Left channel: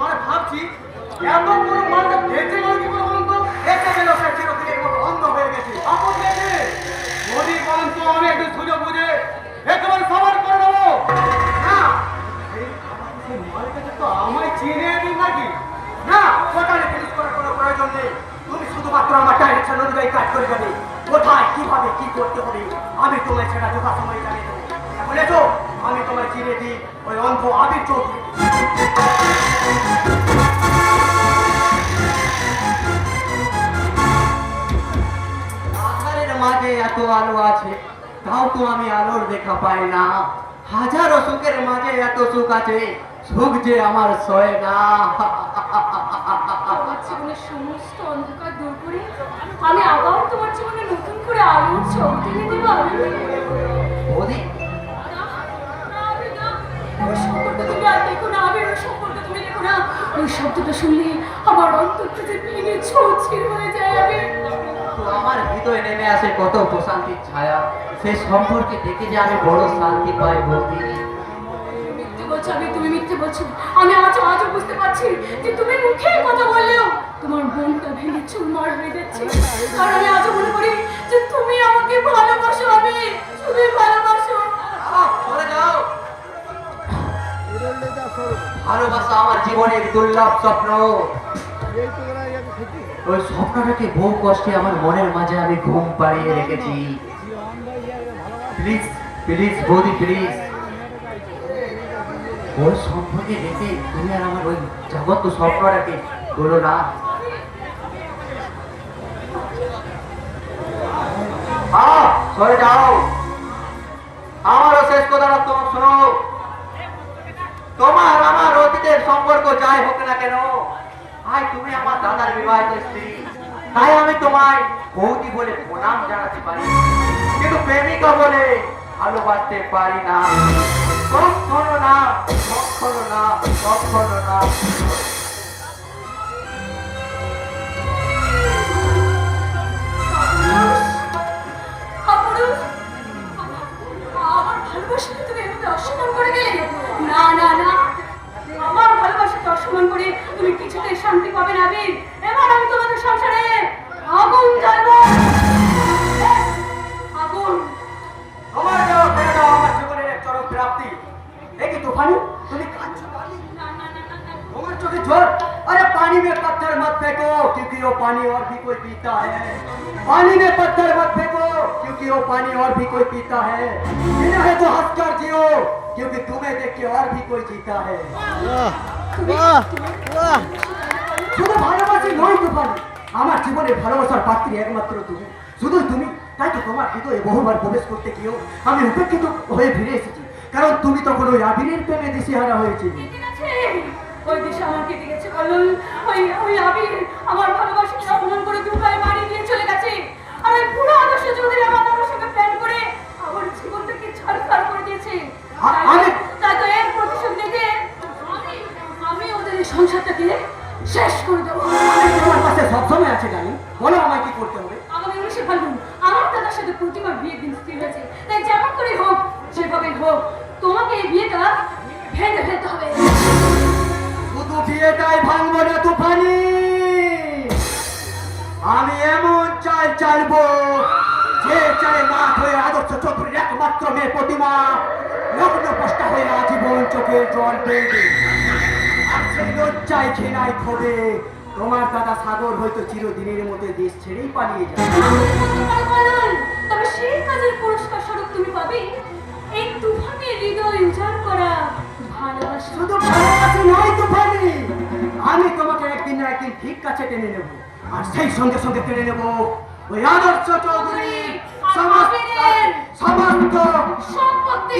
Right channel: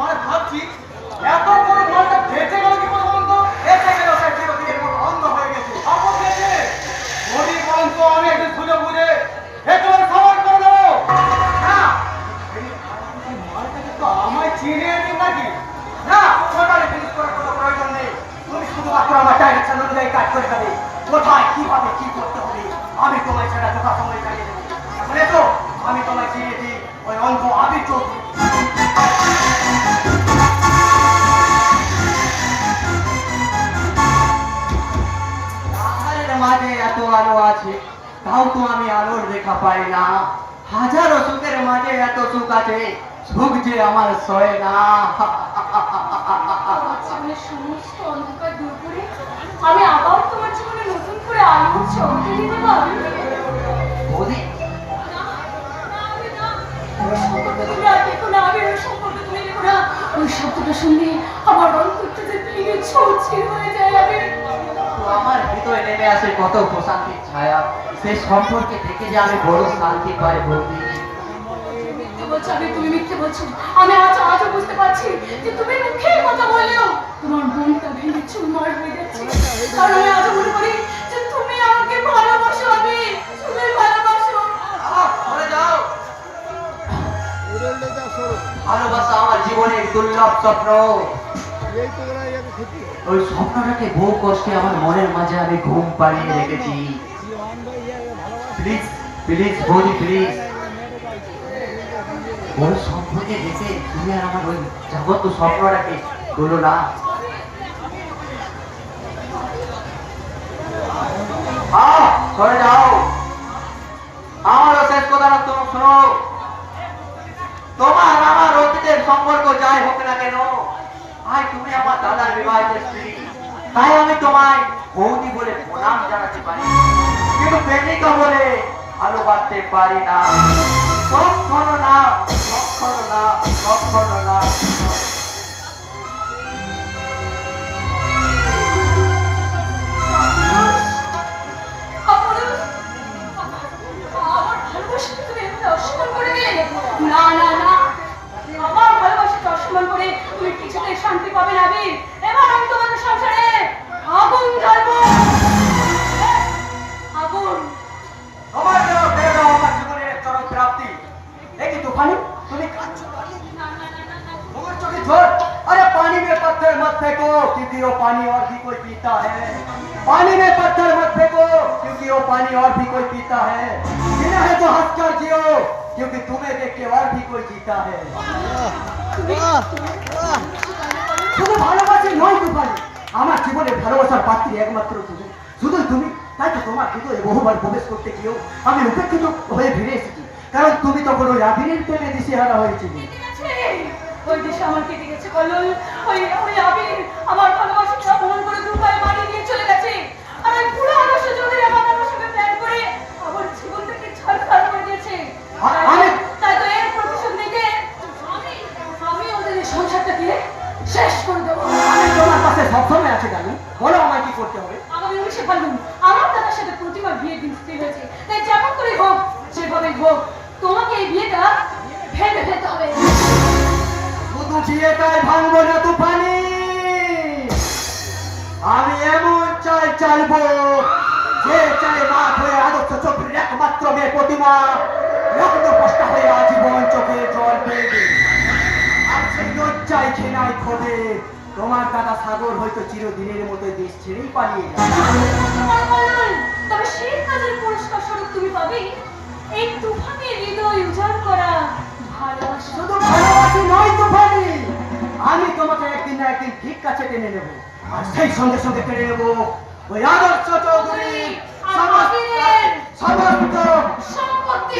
ভাবছি এত বড় মালটা বেঁচে গেল কি করে বলতো? এসে গেল আমি তো চিনে প্রয়োজন নেই। তুমি শুধুমাত্র আমার ডাইরেকশন অনুযায়ী কাজ করে যাবে। কোথায়, কীভাবে, কি করতে হবে? আমি তোমায় সেটা যথা সময় জানিয়ে দেবো। বুঝেছ আমি তোমায় চিনিয়ে দিই, ওই অন্ধ আবির চৌধুরী। মাঝে এত আলো আছে, তাও তো আমি আলোর দেখা আবার তোমার জীবনে নতুন করে আলোর চমকে দিতে পারব শুনলে আমার অন্তরটা যে ভেঙে ছড়ছিড় হয়ে যায় আমি আমার হৃদয়ে নেমে আসে কত প্রশান্তির ছায়া। সেই সম্পর্কে দেখে যে আমি বড় শান্তি পাই বলছো আমি তুমি মিথ্যে বলছো। আমি আজ আজও বুঝতে পারছি যে তুমি মুখে কথা বললেও তোমার মনটা ভেঙে চুরমার হয়ে যাচ্ছে। কারণ আমি আজও মনে করি দুর্লভ স্বপ্ন। ওই স্বপ্নটাকে বহু কষ্টে আমার মনের মাঝে আমি ঘুম পাড়িয়ে রেখেছি। প্লিজ প্লিজ বৌদি প্লিজ ওই স্বপ্নকে দেখে তুমি আর আমার ওই জগৎ স্বপ্নটাকে বলো না। তুমি আমার দাদার বিবাহিত স্ত্রী তাই আমি তোমায় বৌদি বলে প্রণাম জানাতে পারি কিন্তু প্রেমিকা বলে ভালোবাসতে পারি না। কখনো না কখনো না কখনো না। ভালোবাসাকে অসম্মান করে তুমি কিছুতেই শান্তি পাবে না, বীর। এবার আমি তোমাদের সংসারে আগুন জ্বালবো। पानी और भी कोई पीता है पानी में पत्थर मत फेंको क्योंकि वो पानी और भी कोई पीता है जीना है तो हंस कर जियो क्योंकि तुम्हें देख के और भी कोई जीता है শুধু ভালোবাসে নয় তুফানি আমার জীবনে ভালোবাসার পাত্রী একমাত্র তুমি শুধু তুমি তাই তো তোমার হৃদয়ে বহুবার প্রবেশ করতে গিয়েও আমি উপেক্ষিত হয়ে ফিরে এসেছি কারণ তুমি তখন ওই আবিরের পেলে দিশেহারা হয়েছিলে কেটে গেছে ওই দেশে আমার কেটে গেছে কল্লোল ওই ওই সাথে বিয়ের দিন স্থির হয়েছে। তাই যেমন করে হোক, যেভাবে হোক, তোমাকে এই বিয়েটা ভেঙে ফেলতে হবে। শুধু বিয়েটাই ভাঙবো না আমি এমন যে হয়ে আদর্শ একমাত্র মেয়ে প্রতিমা কষ্টা হয়ে আজীবন চোখে জল পেয়ে তোমার দাদা সাগর হয়তো চিরদিনের মতো দেশ ছেড়েই পালিয়ে যাবে। তবে সেই কাজের পুরস্কার স্বরূপ তুমি পাবে। এই তুফানের হৃদয় উজাড় করা শুধু ভালোবাসি নয় তুফানি। আমি তোমাকে একদিন না একদিন ঠিক কাছে টেনে নেব। আর সেই সঙ্গে সঙ্গে টেনে নেব ওই আদর্শ চৌধুরী সমস্ত সমস্ত সম্পত্তি।